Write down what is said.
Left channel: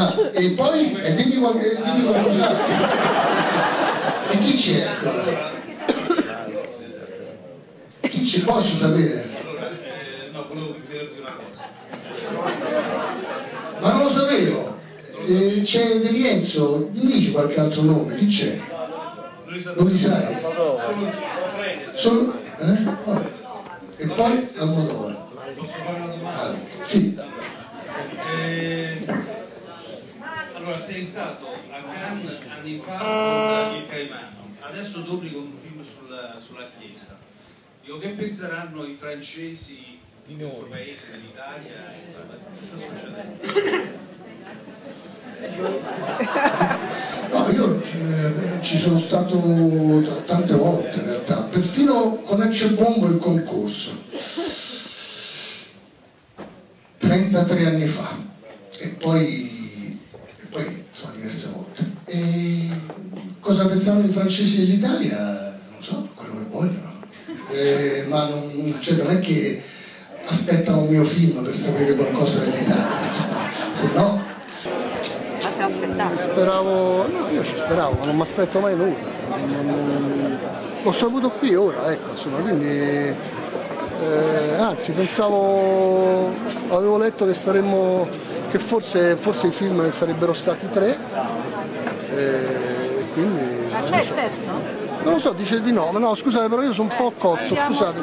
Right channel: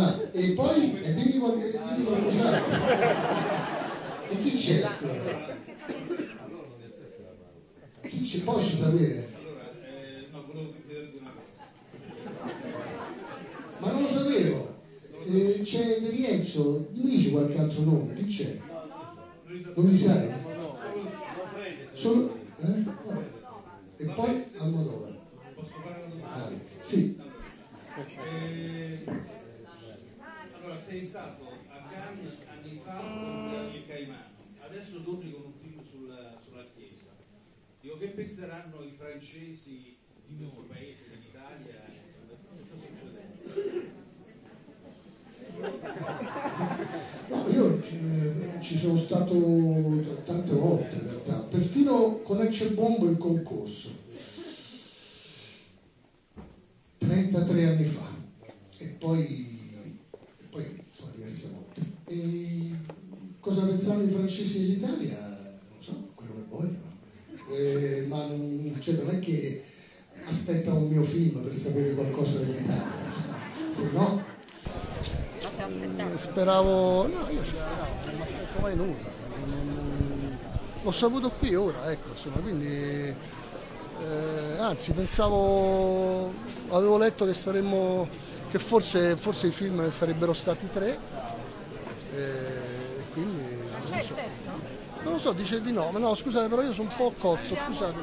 Ah, e poi dimmi qualcos'altro. E chi c'è? Chi ci posso sapere? No, volevo chiederti una cosa. Ma non lo sapevo. C'è De Rienzo, mi dici qualche altro nome? Chi c'è? Non li sai? Solo? Vabbè. E poi Almodovar. Posso fare una domanda? Sì. Allora, sei stato a Cannes anni fa con il Caimano, adesso doppi con un film sulla Chiesa. Dico, che penseranno i francesi di questo paese, dell'Italia? Che sta succedendo? No, io ci sono stato tante volte in realtà, perfino con Ecce-Bombo il concorso, 33 anni fa, e poi insomma diverse volte. E cosa pensavano i francesi dell'Italia? Non so, quello che vogliono, ma non è che aspettano un mio film per sapere qualcosa dell'Italia, insomma, se no... Speravo, no, io ci speravo, ma non mi aspetto mai nulla. L'ho saputo qui ora, ecco, insomma, quindi anzi pensavo, avevo letto che forse i film sarebbero stati 3, quindi... Ma c'è il terzo? Non lo so, dice di no, ma no, scusate, però io sono un po' cotto, scusate.